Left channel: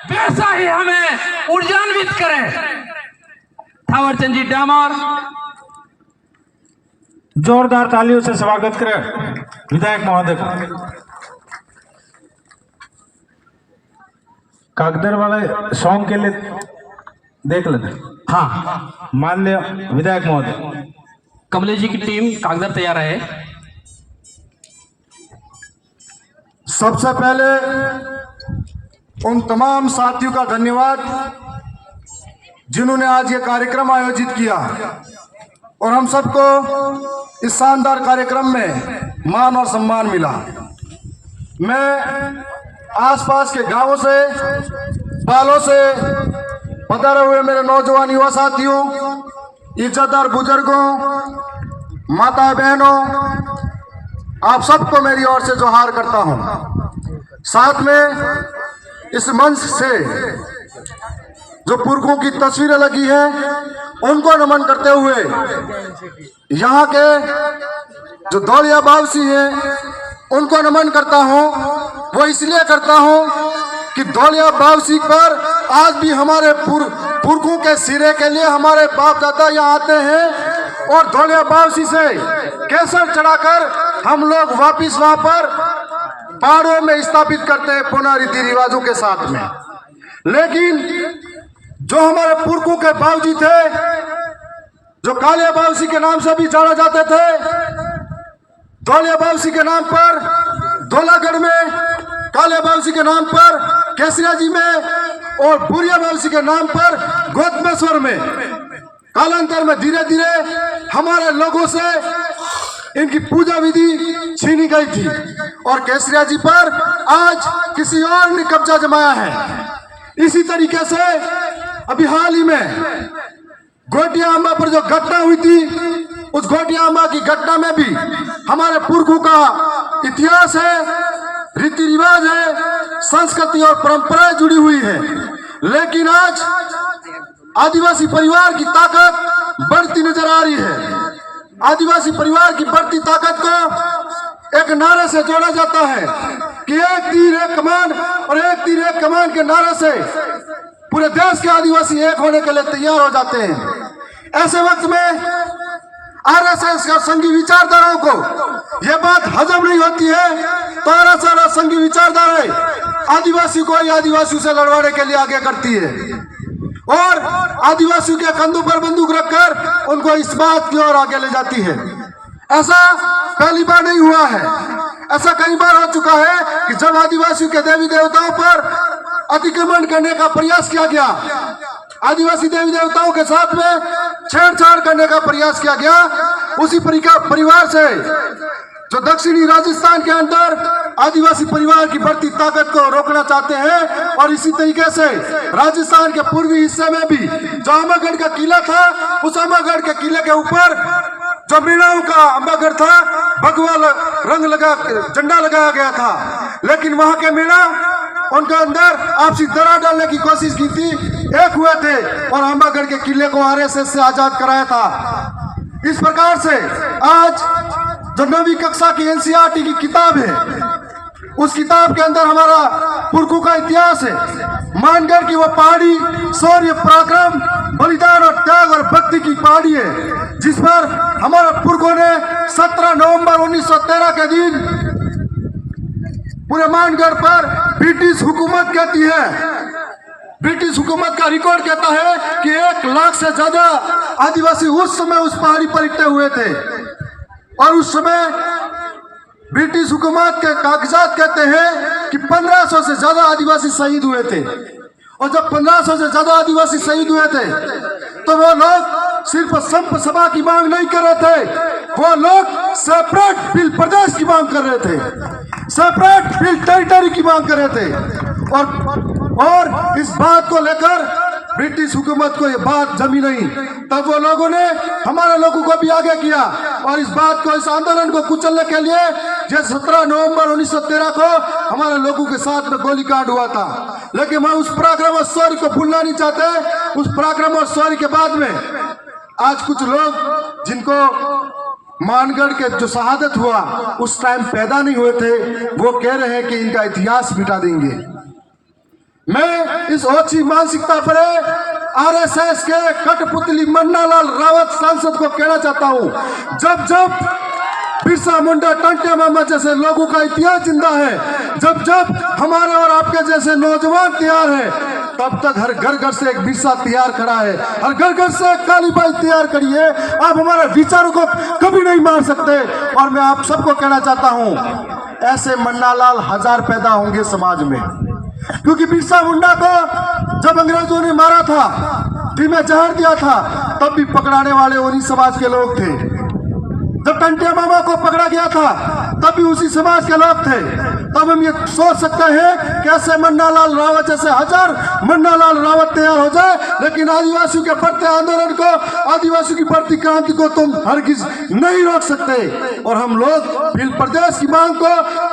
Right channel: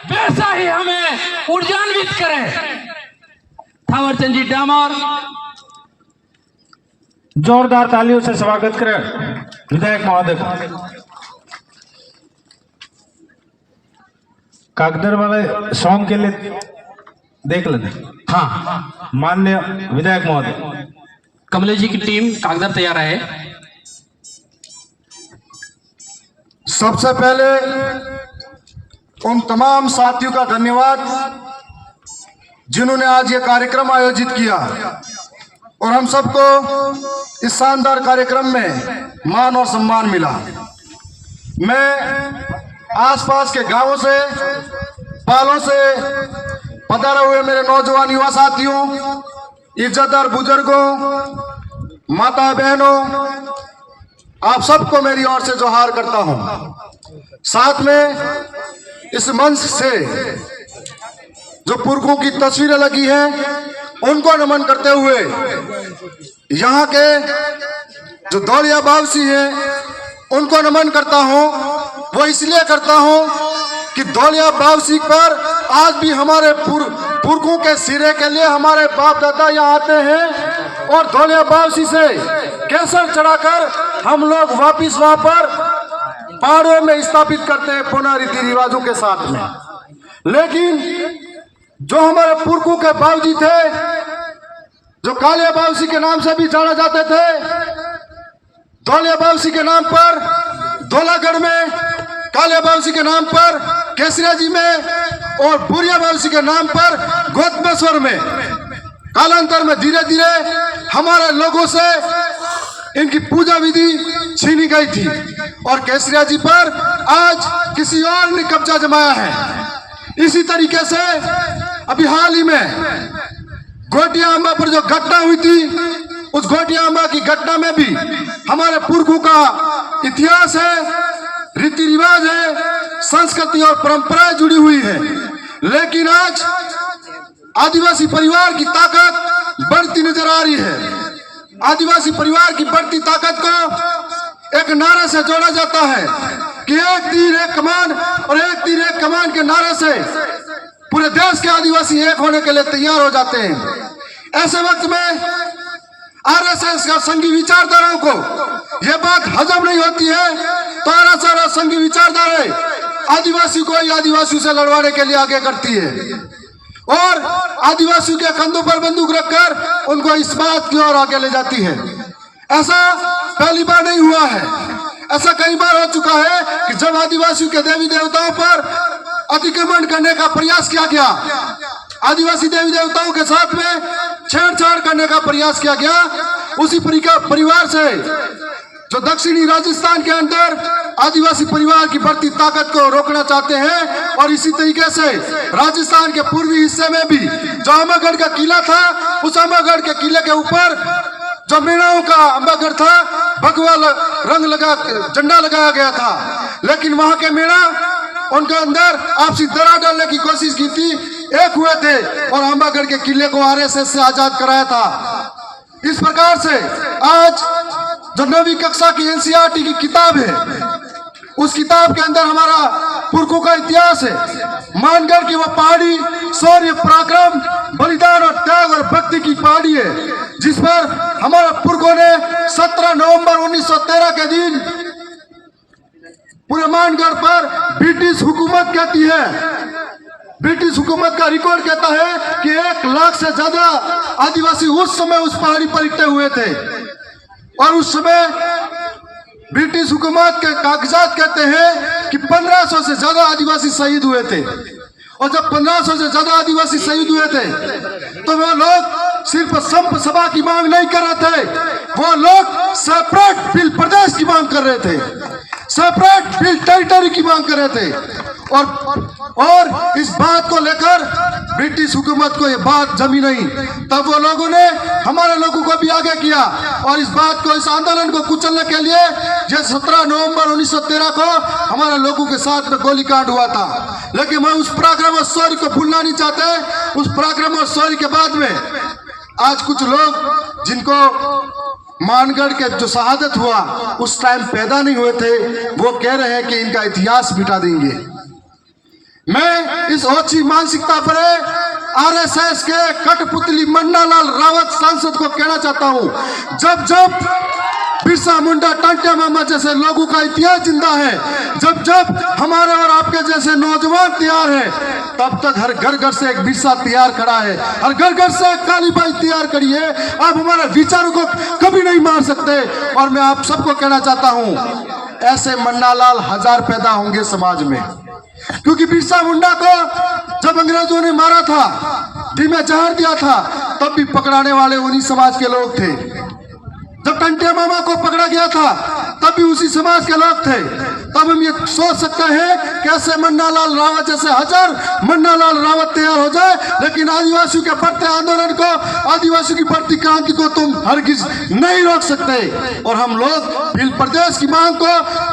वैसा ही हमें ऊर्जान्वित करे। थावरचंद जी डामोर जोरदार तालियों से स्वागत करें विधायक महोदय को। कागदर वाले सॉन्ग के लिए देख लेना। हाँ, माननीय विधायक महोदय, कमलेश जी की टीम कागदर तैयार है। सबसे पहले उन तमाम साथियों का धन्यवाद जिन्होंने आज ये कार्यक्रम आयोजित किया और हम सबको इस शानदार कार्यक्रम में मान और सम्मान मिला। मैं आसपास के गांवों से, बालों से पधारे हुए मेरे नौजवान युवा साथियों, इज्जतदार बुजुर्गों, माता बहनों, आप सबको मेरी ओर से जोहार करता हूं। साथ में इस मंच से जो पुरखों की तस्वीरें लगी हैं उनको नमन करते हुए यहाँ के जो दौड़िया बावसी हैं उनको नमन करता हूँ। वो इसलिए करता हूँ कि दौड़िया बावसी पर आज भी हमारे पुरखों के सिरे के लिए हमारे बाप दादा यहाँ आते हैं और दौड़िया बावसी से केसर चढ़ाकर हम लोग वापिस वहां पर पहाड़ों में स्थापित करते हैं पुनः रीति रिवाजों के साथ में। लेकिन जो हमारे पुरखों के बावजी थे, जो कालिया बावसी के नाम से भी जाना जाते थे, दौलिया बावसी के नाम पर धौलागढ़ में, कालिया बावसी के नाम पर केसरिया जी में और बुरिया बावसी के नाम पर गौतमेश्वर में, कालांतर में धीरे धीरे हमारे लोगों से इनकी पूजा विधि छीनी गई थी और केसरिया जी पर आज किसी और ने कब्जा जमाया है। इसी तरीके से अभी हाल ही में गोटिया अम्बा पर जो घटना हुई थी, उस गोटिया अम्बा की घटना में भी हमारे पुरखों का इतिहास है, रीति रिवाज है, संस्कृति और परंपराएं जुड़ी हुई है। लेकिन आज आदिवासी परिवार की ताकत बढ़ती नजर आ रही है। आदिवासी परिवार की बढ़ती ताकत को एक नारे से जोड़ा जाता है कि एक तीर एक कमान, और एक तीर एक कमान के नारे से पूरे देश के आदिवासी एक होने के लिए तैयार हो जाते हैं। ऐसे वक्त में आरएसएस का संघी विचारधाराओं को यह बात हजम नहीं होती है तो आरएसएस और संघी विचारधाराएं आदिवासी को ही आदिवासियों से लड़वाने के लिए आगे करती है और आदिवासियों के कंधों पर बंदूक रखकर उनको इस बात की ओर आगे ले जाती है। ऐसा पहली बार नहीं हुआ है, ऐसा कई बार हो चुका है कि जब आदिवासियों के देवी देवताओं पर अतिक्रमण करने का प्रयास किया गया, आदिवासी देवी देवताओं के साथ में छेड़छाड़ करने का प्रयास किया गया, उसी परिवार से जो दक्षिणी राजस्थान के अंदर आदिवासी परिवार की बढ़ती ताकत को रोकना चाहते हैं। और इसी तरीके से राजस्थान के पूर्वी हिस्से में भी जो अम्बागढ़ का किला था, उस अम्बागढ़ के किले के ऊपर जो मीणाओं का अम्बागढ़ था, भगवा रंग लगा, झंडा लगाया गया था, लेकिन वहां के मीणा उनके अंदर आपसी दरार डालने की कोशिश की थी, एक हुए थे और अम्बागढ़ के किले को आरएसएस से आजाद कराया था। इस प्रकार से आज जो 9वीं कक्षा की एनसीईआरटी की किताब है, उस किताब के अंदर हमारा पुरखों का इतिहास है, मानगढ़ की वो पहाड़ी शौर्य पराक्रम बलिदान और त्याग और भक्ति की पहाड़ी है जिस पर हमारे पुरखों ने 17 नवंबर 1913 के दिन पूरे मानगढ़ पर ब्रिटिश हुकूमत कहती है, ब्रिटिश हुकूमत का रिकॉर्ड कहता है कि 1 लाख से ज्यादा आदिवासी उस समय उस पहाड़ी पर इकट्ठे हुए थे और उस समय ब्रिटिश हुकूमत के कागजात कहते हैं कि 1500 से ज्यादा आदिवासी शहीद हुए थे। और जब 1500 से ज्यादा आदिवासी शहीद हुए थे तो वो लोग सिर्फ संप सभा की मांग नहीं कर रहे थे, वो लोग सेपरेट फील्ड प्रदेश की मांग कर रहे थे, सेपरेट फील्ड टेरिटरी की मांग कर रहे थे। और इस बात को लेकर ब्रिटिश हुकूमत को ये बात जमी नहीं, तब वो लोगों ने हमारे लोगों को भी आगे किया और इस बात को, इस आंदोलन को कुचलने के लिए जो 17 नवंबर 1913 को हमारे लोगों के साथ में गोलीकांड हुआ था। लेकिन मैं उस पराक्रम और शौर्य को भूलना नहीं चाहते। उस पराक्रम और शौर्य के बाद में आज कुछ लोग जिनको मानगढ़ के जो शहादत हुआ उस टाइम पैदा नहीं हुए थे, वो कह रहे हैं कि इनका इतिहास मिटा देंगे। मैं इस ओछी मानसिकता पर आरएसएस के कठपुतली मन्नालाल रावत सांसद को कहना चाहता हूं, जब जब बिरसा मुंडा, टांटिया मामा जैसे लोगों का इतिहास जिंदा है, जब जब हमारे और आपके जैसे नौजवान तैयार है, तब तक हर घर घर से एक बिरसा तैयार खड़ा है, हर घर घर से एक काली बाई तैयार करी है। आप हमारे विचारों को कभी नहीं मार सकते। और मैं आप सबको कहना चाहता हूं, ऐसे मन्नालाल हजार पैदा होंगे समाज में, क्योंकि बिरसा मुंडा को जब अंग्रेजों ने मारा था, दी में जहर दिया था, तब भी पकड़ाने वाले उन्हीं समाज के लोग थे। जब टंटिया मामा को पकड़ा गया था, तब भी उसी समाज के लोग थे। तब हम ये सोच सकते हैं कैसे मन्नालाल रावत जैसे हजार मन्नालाल रावत तैयार हो जाए, लेकिन आदिवासियों के बढ़ते आंदोलन को, आदिवासियों की बढ़ती क्रांति को तुम हरगिज नहीं रोक सकते। और हम लोग भील प्रदेश की मांग को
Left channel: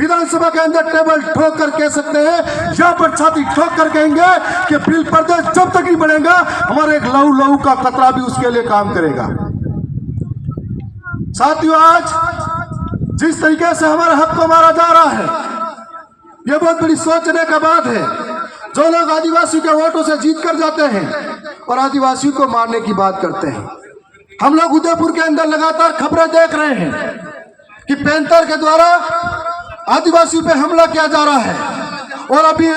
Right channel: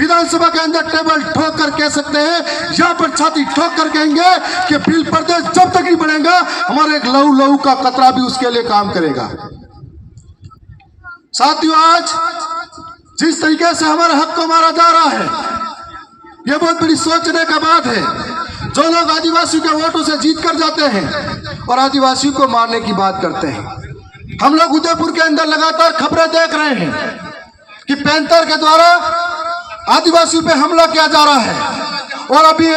विधानसभा के अंदर टेबल ठोक कर कह सकते हैं, यहाँ पर छाती ठोक कर कहेंगे कि भील प्रदेश जब तक नहीं बनेगा, हमारे एक लहू लहू का कतरा भी उसके लिए काम करेगा। साथियों, आज जिस तरीके से हमारे हक को मारा जा रहा है, यह बहुत बड़ी सोचने का बात है। जो लोग आदिवासियों के वोटों से जीत कर जाते हैं और आदिवासियों को मारने की बात करते हैं। हम लोग उदयपुर के अंदर लगातार खबरें देख रहे हैं कि पैंथर के द्वारा आदिवासियों पे हमला किया जा रहा है। और अभी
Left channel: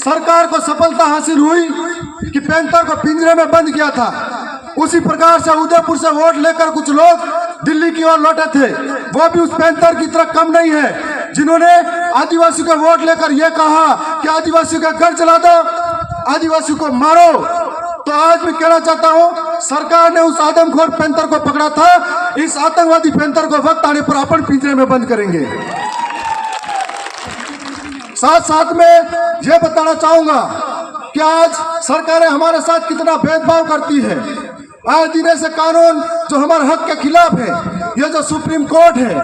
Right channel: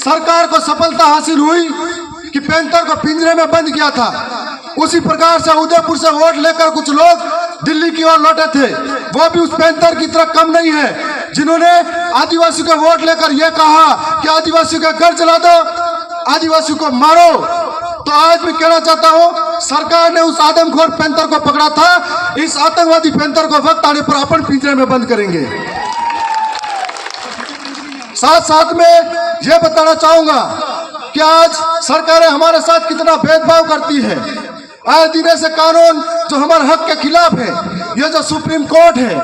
सरकार को सफलता हासिल हुई कि पैंथर को पिंजरे में बंद किया था। उसी प्रकार से उदयपुर से वोट लेकर कुछ लोग दिल्ली की ओर लौटे थे, वो भी उस पैंथर की तरह कम नहीं है, जिन्होंने आदिवासियों का वोट लेकर यह कहा कि आदिवासियों का घर जला दो, आदिवासियों को मारो। तो आज मैं कहना चाहता हूं, सरकार ने उस आदमखोर पैंथर को पकड़ा था, इस आतंकवादी पैंथर को वक्त आने पर अपन पिंजरे में बंद करेंगे। साथ साथ में यह बताना चाहूंगा कि आज सरकारें हमारे साथ कितना भेदभाव करती है। आए दिन ऐसे कानून जो हमारे हक के खिलाफ है, ये जो सुप्रीम कोर्ट है,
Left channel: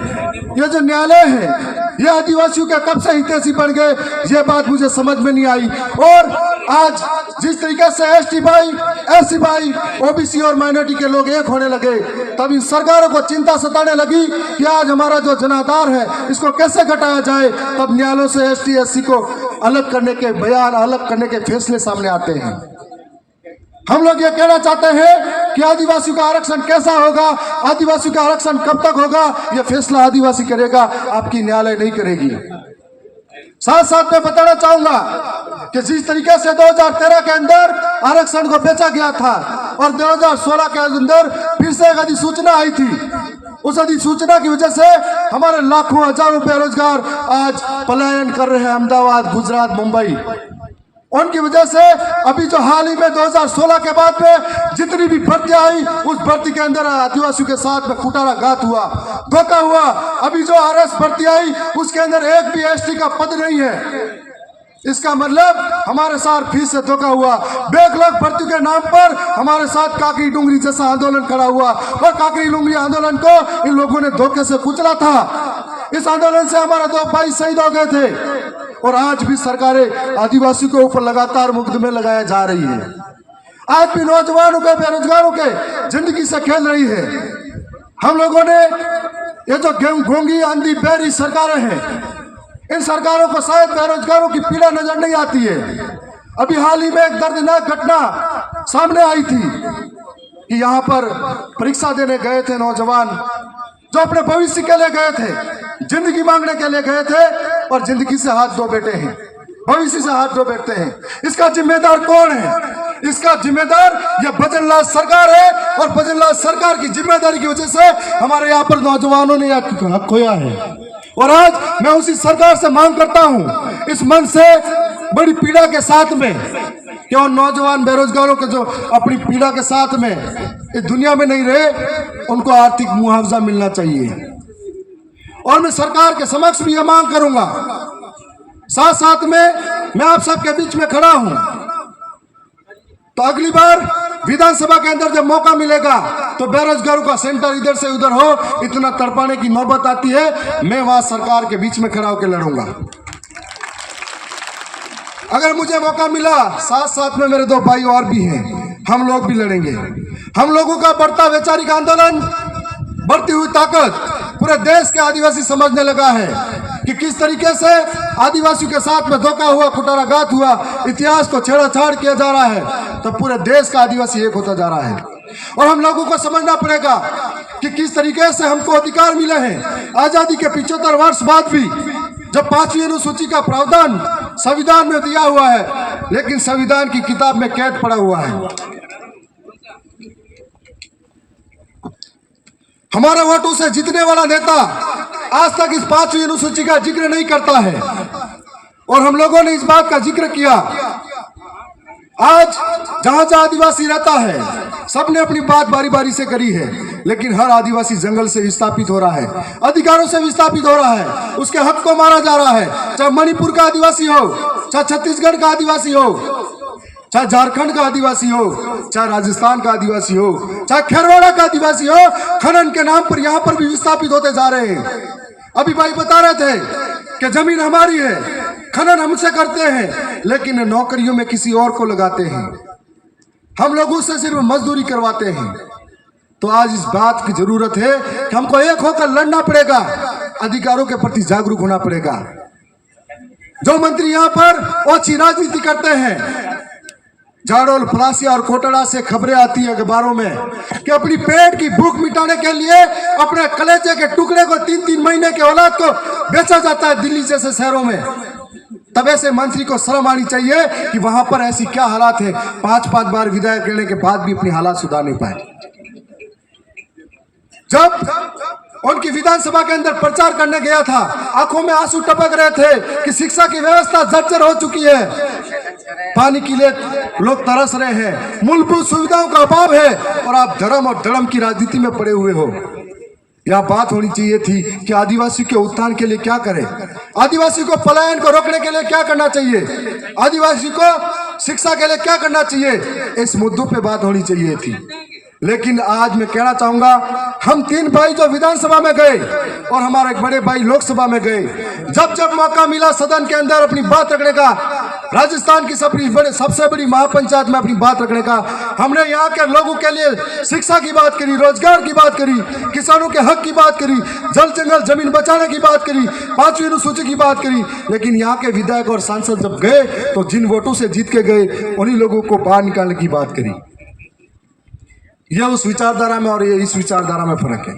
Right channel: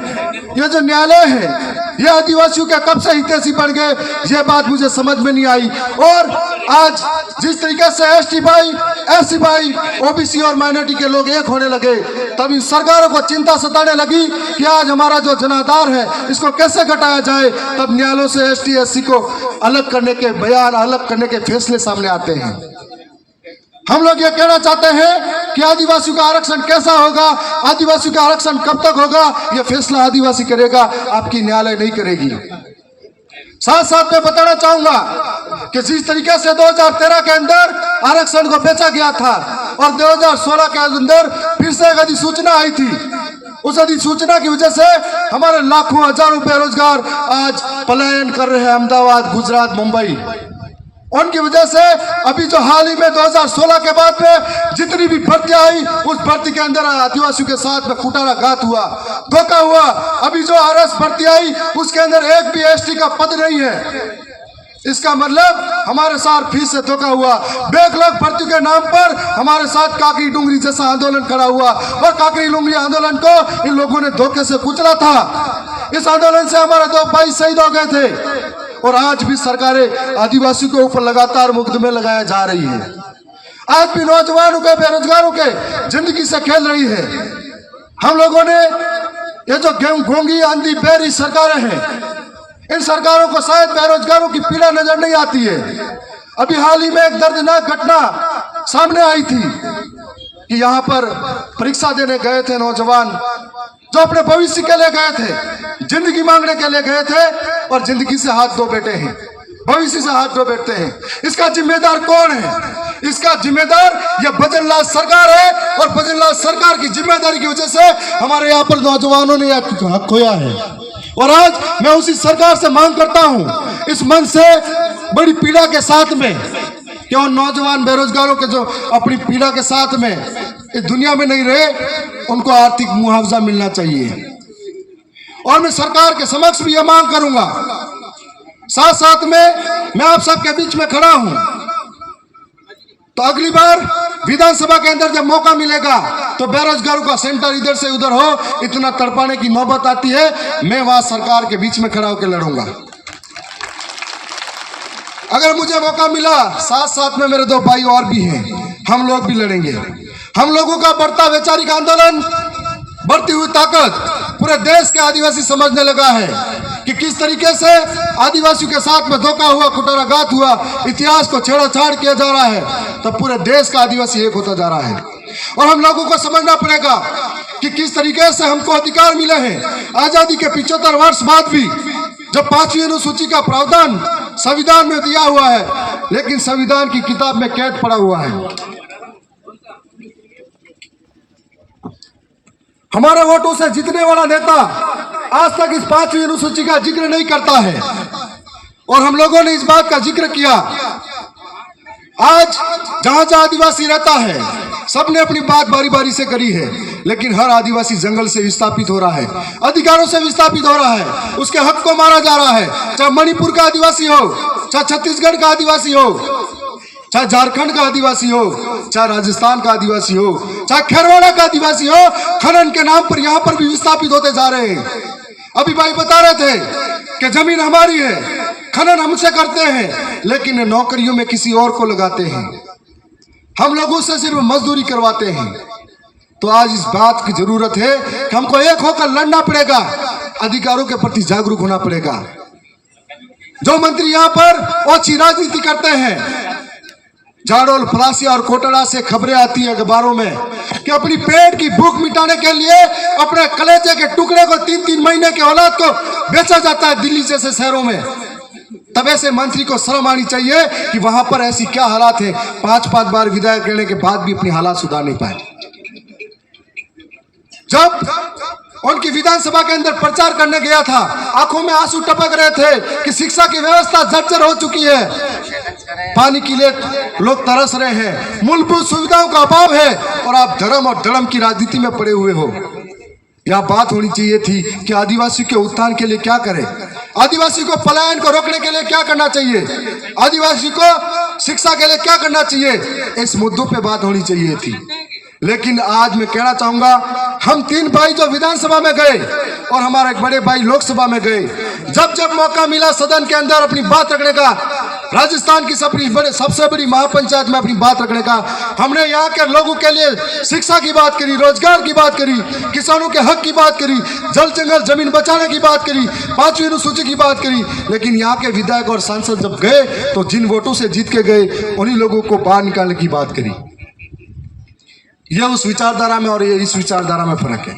ये जो न्यायालय है, ये आदिवासियों के कब से हितैषी बन गए, ये बात मुझे समझ में नहीं आई। और आज जिस तरीके से एसटी भाई, एससी भाई, ओबीसी और माइनॉरिटी के लोग एक होने लगे, तभी सरकारों को चिंता सताने लगी कि आज हमारा जो जनाधार है इसको कैसे घटाया जाए। तब न्यायालयों से एसटी एससी को अलग करने के बयान, अलग करने के फैसले सामने आते हैं। हम लोग ये कहना चाहते हैं कि आदिवासियों का आरक्षण कैसा होगा, आदिवासियों का आरक्षण कब तक होगा, यह फैसला आदिवासी करेगा, आपकी न्यायालय नहीं करेगी। साथ साथ मैं बताना चाहूंगा कि जिस तरीके से 2013 के अंदर आरक्षण को बेचा गया था और 2016 के अंदर फिर से एक अधिसूचना आई थी, उस अधिसूचना की वजह से हमारे लाखों हजारों बेरोजगार आज पलायन कर रहे हैं अहमदाबाद, गुजरात, मुंबई। उनकी वजह से अभी जो हाल ही में 2016 के बाद में जितनी भी भर्तियां आई, उस भर्ती के अंदर आदिवासियों के साथ में कुटाराघात हुआ, धोखा हुआ। अभी जो आरएस भर्ती आई, उसके अंदर एक भी एसटी का पद नहीं है। इसका मतलब हमारे साथ फिर से धोखा हुआ। बैकलॉग भर्ती के नाम पर हमारे साथ काकरी डूंगरी जैसा आंदोलन खड़ा हुआ और काकरी डूंगरी आंदोलन को इन लोगों ने धोखे से कुचला था। इस आंदोलन से हमारे 2 भाई शहीद हो गए थे और आज भी सरकारें आदिवासियों के ऊपर लगातार मुकदमे लगाए जा रही है। आज भी नौजवानों के, बेरोजगारों के जिंदगी से खेल रही है। हम लोगों ने ये जो घोंगी आंधी बेरी सरकारें हैं, इन सरकारों को शायद बेरोजगारों की पीड़ा नजर नहीं आती है। अभी हाल ही में एक दर्दनाक घटना सामने आई थी कि यहाँ पर परीक्षा देने गए थे नौजवान, जो अपने भविष्य के लिए गए थे, जिंदगी मांगने के लिए गए थे और जिंदगी से हाथ धो बैठे हैं, भविष्य से हाथ धो बैठते हैं। इसका जिम्मेदार कौन है? इसका जिम्मेदार यह भजनलाल सरकार है और भजनलाल सरकार की जिम्मेदारी की वजह से हमारे यहाँ पर नौजवानों ने हक खोया है। और आज मैं उसी सरकार से मांग करता हूँ, इस मन से बड़ी पीड़ा के साथ में, कि उन नौजवान बेरोजगारों के जो अपनी पीड़ा के साथ में इस दुनिया में नहीं रहे, उनको आर्थिक मुआवजा मिलना चाहिए। और मैं सरकार के समक्ष भी यह मांग करूंगा। साथ साथ में मैं आप सबके बीच में खड़ा हूं, तो अगली बार विधानसभा के अंदर जब मौका मिलेगा तो बेरोजगारों का सेंटर इधर से उधर हो, इतना तड़पाने की नौबत आती है, मैं वहां सरकार के बीच में खड़ा होकर लड़ूंगा। अगर मुझे मौका मिला, साथ साथ में मेरे 2 भाई और भी हैं, हम लोग भी लड़ेंगे। हम लोगों का बढ़ता वैचारिक आंदोलन, बढ़ती हुई ताकत पूरे देश के आदिवासी समझने लगा है। कि किस तरीके से आदिवासियों के साथ में धोखा हुआ, कुटाराघात हुआ, इतिहास को छेड़छाड़ किया जा रहा है, तो पूरे देश का आदिवासी एक होता जा रहा है। और हम लोगों को समझना पड़ेगा कि किस तरीके से हमको अधिकार मिले हैं। आजादी के 75 वर्ष बाद भी जब 5वीं अनुसूची का प्रावधान संविधान में दिया हुआ है, लेकिन संविधान की किताब में कैद पड़ा हुआ है। हमारे वोटों से जीतने वाला नेता आज तक इस 5वीं अनुसूची का जिक्र नहीं करता है, और हम लोगों ने इस बात का जिक्र किया। आज जहां जहां आदिवासी रहता है, सबने अपनी बात बारी बारी से करी है, लेकिन हर आदिवासी जंगल से विस्थापित हो रहा है, अधिकारों से विस्थापित हो रहा है, उसके हक को मारा जा रहा है। चाहे मणिपुर का आदिवासी हो, चाहे छत्तीसगढ़ का आदिवासी हो, चाहे झारखंड का आदिवासी हो, चाहे राजस्थान का आदिवासी हो, चाहे खेरवाड़ा का आदिवासी हो, खनन के नाम पर यहाँ पर भी विस्थापित होते जा रहे हैं। अभी भाई बता रहे थे कि जमीन हमारी है, खनन हमसे करते हैं, लेकिन नौकरियों में किसी और को लगाते हैं, हम लोगों से सिर्फ मजदूरी करवाते हैं। तो आज इस बात की जरूरत है कि हमको एक होकर लड़ना पड़ेगा, अधिकारों के प्रति जागरूक होना पड़ेगा। जो मंत्री यहाँ पर ओछी राजनीति करते हैं, झाड़ोल, फलासिया और कोटड़ा से खबरें आती है अखबारों में कि अपनी पेट की भूख मिटाने के लिए अपने कलेजे के टुकड़े को 3-3 महीने के औलाद को बेचा जाता है दिल्ली जैसे शहरों में। तब ऐसे मंत्री को शर्म आनी चाहिए कि वहां पर ऐसी क्या हालात है, 5-5 बार विधायक लेने के बाद भी अपनी हालात सुधार नहीं पाए। जब उनकी विधानसभा के अंदर प्रचार करने गया था, आंखों में आंसू टपक रहे थे कि शिक्षा की व्यवस्था जर्जर हो चुकी है, पानी के लिए लोग तरस रहे हैं, मूलभूत सुविधाओं का अभाव है, और आप धर्म और धर्म की राजनीति में पड़े हुए हो। यह बात होनी चाहिए थी कि आदिवासी के उत्थान के लिए क्या करें, आदिवासी को पलायन को रोकने के लिए क्या करना चाहिए, आदिवासी को शिक्षा के लिए क्या करना चाहिए, इस मुद्दों पे बात होनी चाहिए थी। लेकिन आज मैं कहना चाहूंगा, हम 3 भाई जो विधानसभा में गए और हमारे एक बड़े भाई लोकसभा में गए, जब जब मौका मिला सदन के अंदर अपनी बात रखने का, राजस्थान की सबसे बड़ी महापंचायत में अपनी बात रखने का, हमने यहाँ के लोगों के लिए शिक्षा की बात करी, रोजगार की बात करी, किसानों के हक की बात करी, जल जंगल जमीन बचाने की बात करी, 5वीं अनुसूची की बात करी। लेकिन यहाँ के विधायक और सांसद जब गए तो जिन वोटों से जीत के गए, उन्हीं लोगों को बाहर निकालने की बात करी। यह उस विचारधारा में और ये इस विचारधारा में फर्क है।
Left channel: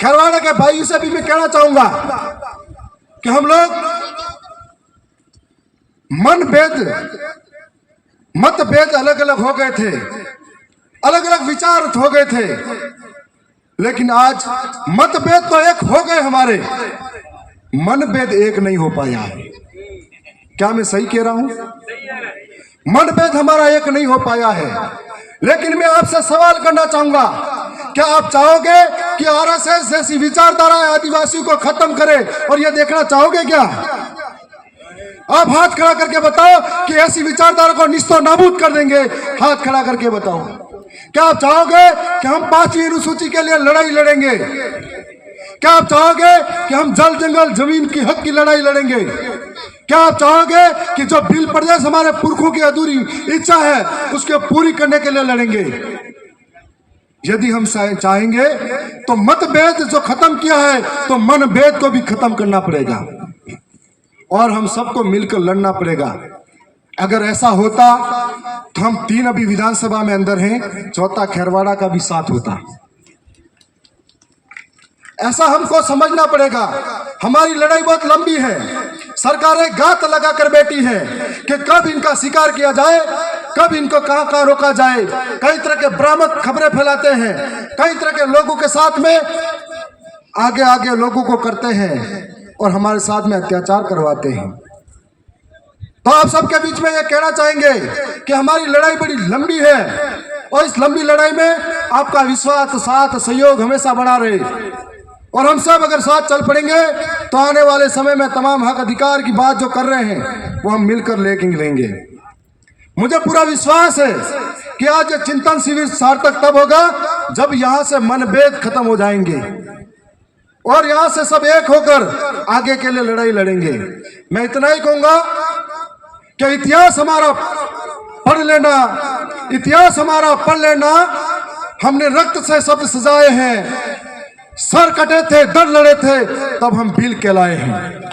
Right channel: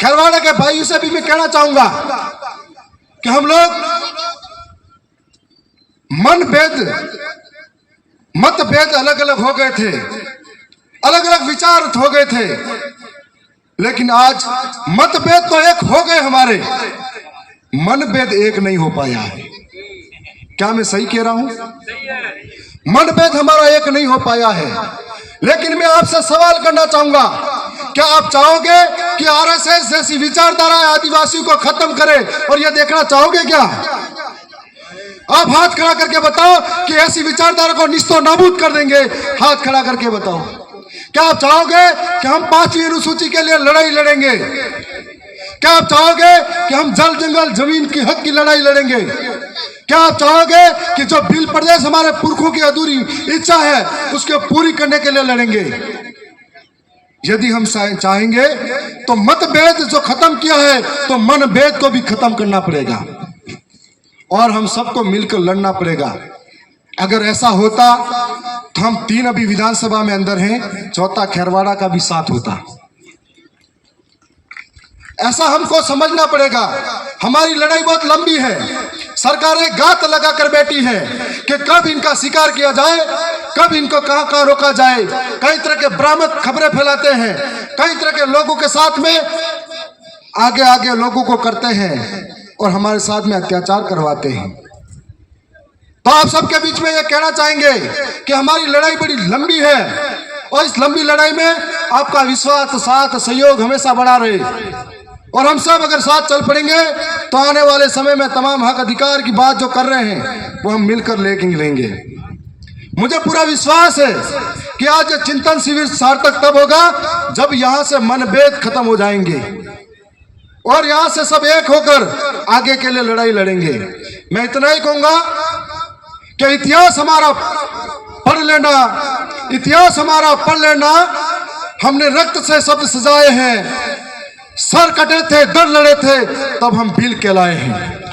खेरवाड़ा के भाइयों से भी मैं कहना चाहूंगा कि हम लोग मतभेद अलग अलग हो गए थे, अलग अलग विचार हो गए थे, लेकिन आज मतभेद तो एक हो गए, हमारे मनभेद एक नहीं हो पाया है। क्या मैं सही कह रहा हूं? मनभेद हमारा एक नहीं हो पाया है। लेकिन मैं आपसे सवाल करना चाहूंगा, क्या आप चाहोगे कि आरएसएस जैसी विचारधारा आदिवासियों को खत्म करे, और यह देखना चाहोगे क्या? आप हाथ खड़ा करके बताओ कि ऐसी विचारधारा को निस्तो नाबूद कर देंगे। हाथ खड़ा करके बताओ, क्या आप चाहोगे कि हम 5वीं अनुसूची के लिए लड़ाई लड़ेंगे? क्या आप चाहोगे कि हम जल जंगल जमीन की हक की लड़ाई लड़ेंगे? क्या आप चाहोगे कि जो भील प्रदेश हमारे पुरखों की अधूरी इच्छा है उसके पूरी करने के लिए लड़ेंगे? यदि हम चाहेंगे तो मतभेद जो खत्म किया है, तो मनभेद को भी खत्म करना पड़ेगा और हम सबको मिलकर लड़ना पड़ेगा। अगर ऐसा होता तो हम 3 अभी विधानसभा में अंदर हैं, 4था खेरवाड़ा का भी साथ होता। ऐसा हमको समझना पड़ेगा। हमारी लड़ाई बहुत लंबी है, सरकारें गात लगा कर बैठी है कि कब इनका शिकार किया जाए, कब इनको कहां रोका जाए। कई तरह के भ्रामक खबरें फैलाते हैं, कई तरह के लोगों के साथ में आगे आगे लोगों को करते हैं और हमारे साथ में अत्याचार करवाते हैं। तो आप सबके बीच में ये कहना चाहेंगे कि हमारी लड़ाई बड़ी लंबी है और इस लंबी लड़ाई में आपका विश्वास, साथ, सहयोग हमेशा बना रहे, और हम सब अगर साथ चल पड़ेंगे तो आने वाले समय में तमाम हक अधिकार की बात जो कर रहे हैं वो हम मिलकर लेंगे। मुझे पूरा विश्वास है कि आज चिंतन शिविर सार्थक तब होगा जब यहाँ से मनभेद खत्म हो जाएंगे और यहाँ से सब एक होकर आगे के लिए लड़ाई लड़ेंगे। मैं इतना ही कहूंगा कि इतिहास हमारा पढ़ लेना, इतिहास हमारा पढ़ लेना। हमने रक्त से शब्द सजाए हैं, सर कटे थे, दर लड़े थे, तब हम भील कहलाए हैं।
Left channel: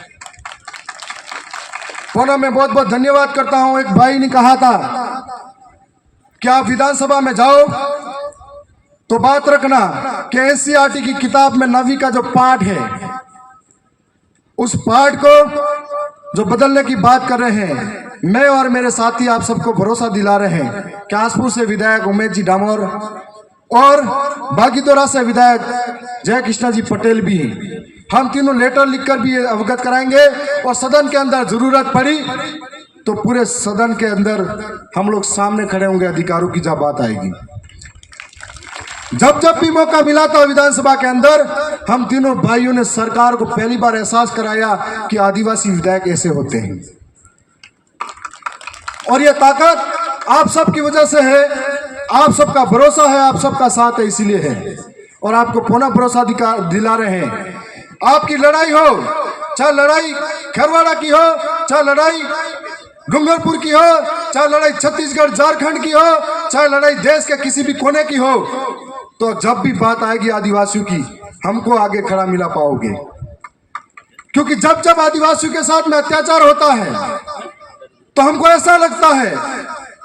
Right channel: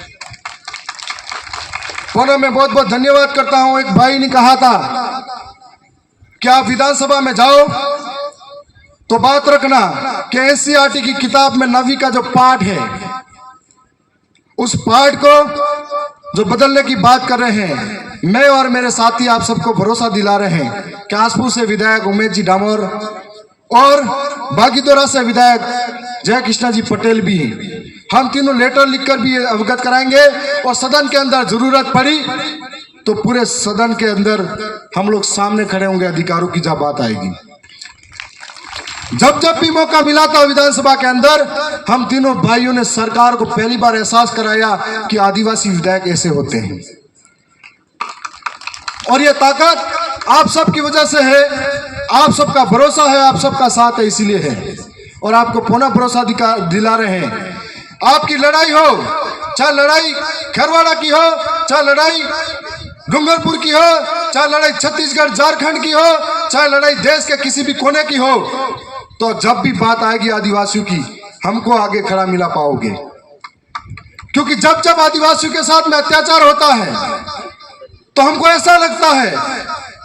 पुनः मैं बहुत बहुत धन्यवाद करता हूं। एक भाई ने कहा था कि आप विधानसभा में जाओ तो बात रखना कि एनसीईआरटी की किताब में 9वीं का जो पाठ है, उस पाठ को जो बदलने की बात कर रहे हैं, मैं और मेरे साथी आप सबको भरोसा दिला रहे हैं कि आसपुर से विधायक उमेश जी डामोर और बागीदोरा से विधायक जय कृष्णा जी पटेल भी, हम तीनों लेटर लिखकर भी अवगत कराएंगे। और सदन के अंदर जरूरत पड़ी तो पूरे सदन के अंदर हम लोग सामने खड़े होंगे अधिकारों की जब बात आएगी। जब जब भी मौका मिला था विधानसभा के अंदर, हम तीनों भाइयों ने सरकार को पहली बार एहसास कराया कि आदिवासी विधायक ऐसे होते हैं। और ये ताकत आप सबकी वजह से है, आप सबका भरोसा है, आप सबका साथ है, इसीलिए है। और आपको पुनः भरोसा दिला रहे हैं। आपकी लड़ाई हो, चाहे लड़ाई खरवाड़ा की हो, चाहे लड़ाई डूंगरपुर की हो, चाहे लड़ाई छत्तीसगढ़ झारखंड की हो, चाहे लड़ाई देश के किसी भी कोने की हो, तो जब भी बात आएगी आदिवासियों की, हमको आगे खड़ा मिला पाओगे। क्योंकि जब जब आदिवासियों के साथ में अत्याचार होता है तो हमको ऐसा लगता है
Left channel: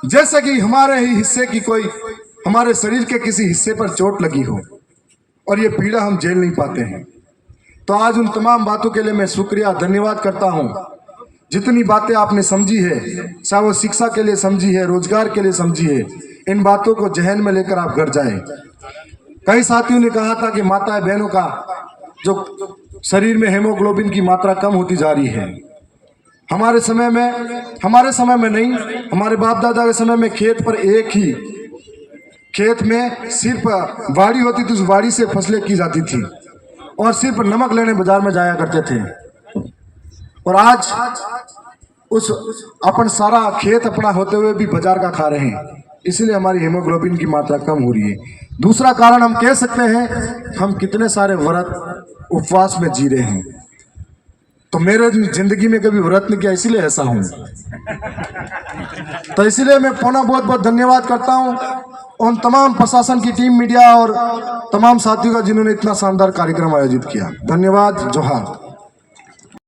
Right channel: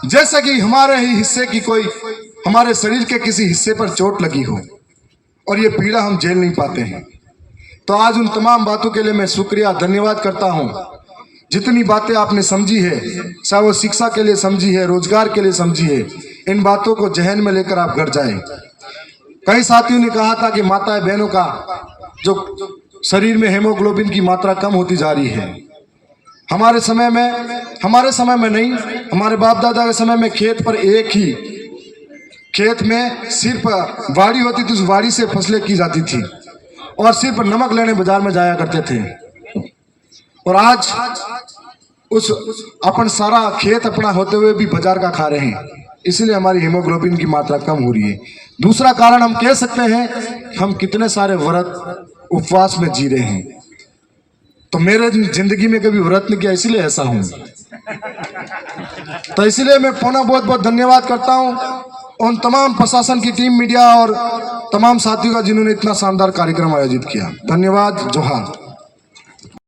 जैसे कि हमारे ही हिस्से की कोई, हमारे शरीर के किसी हिस्से पर चोट लगी हो, और ये पीड़ा हम झेल नहीं पाते हैं। तो आज उन तमाम बातों के लिए मैं शुक्रिया धन्यवाद करता हूं। जितनी बातें आपने समझी है, चाहे वो शिक्षा के लिए समझी है, रोजगार के लिए समझी है, इन बातों को जहन में लेकर आप घर जाएं। कई साथियों ने कहा था कि माता बहनों का जो शरीर में हेमोग्लोबिन की मात्रा कम होती जा रही है। हमारे समय में नहीं, हमारे बाप दादा के समय में खेत पर एक ही खेत में सिर्फ वाड़ी होती थी, उस वाड़ी से फसलें की जाती थी और सिर्फ नमक लेने बाजार में जाया करते थे। और आज उस अपन सारा खेत अपना होते हुए भी बाजार का खा रहे हैं, इसलिए हमारी हीमोग्लोबिन की मात्रा कम हो रही है। दूसरा कारण हम कह सकते हैं, हम कितने सारे व्रत उपवास में जी रहे हैं। तो मेरे जिंदगी में कभी व्रत नहीं किया, इसलिए ऐसा हूं। तो इसलिए मैं पुनः बहुत बहुत धन्यवाद करता हूं उन तमाम प्रशासन की टीम, मीडिया और तमाम साथियों का जिन्होंने इतना शानदार कार्यक्रम आयोजित किया। धन्यवाद। जोहार।